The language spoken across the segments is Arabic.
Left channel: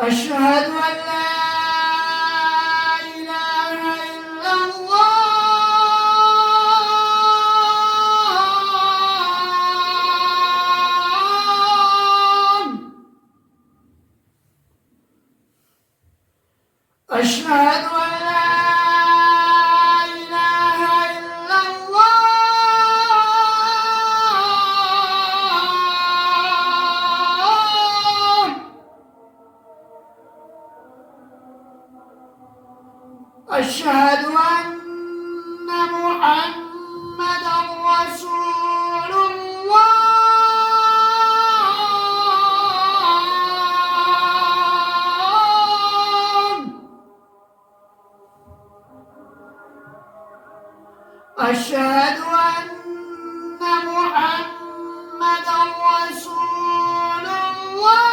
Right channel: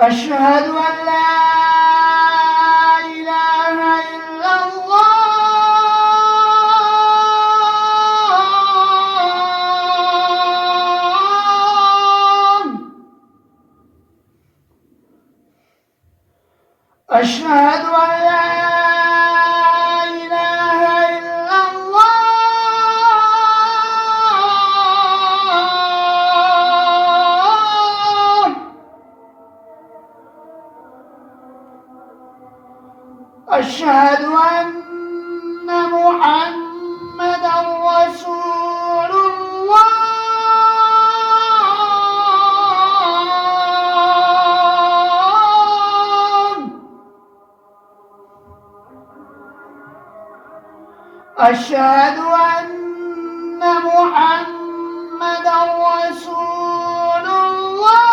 أشهد أن لا إله إلا الله. أشهد أن لا إله إلا الله. أشهد أن محمدًا رسول الله. أشهد أن محمدًا رسول الله.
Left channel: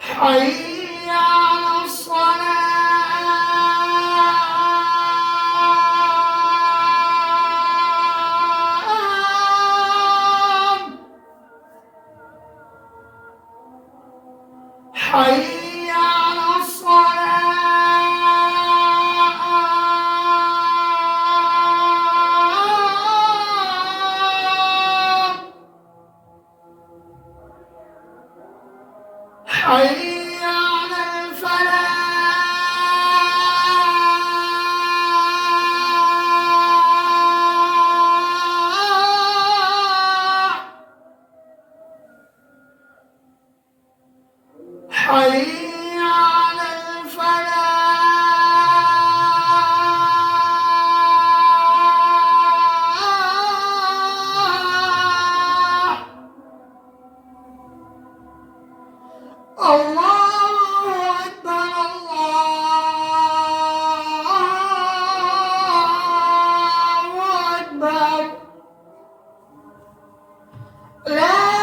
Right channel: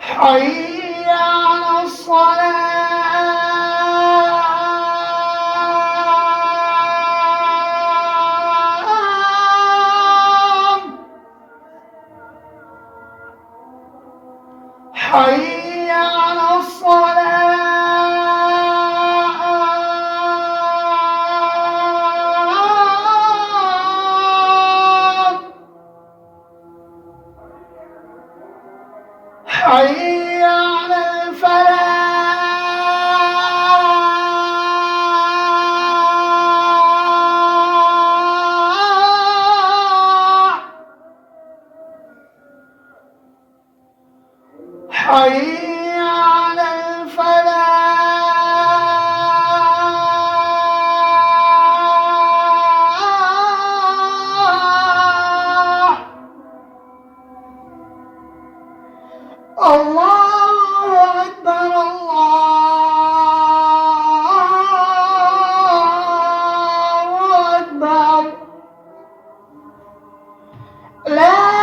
حي على الصلاة. حي على الصلاة. حي على الفلاح. حي على الفلاح. الله أكبر الله أكبر. لا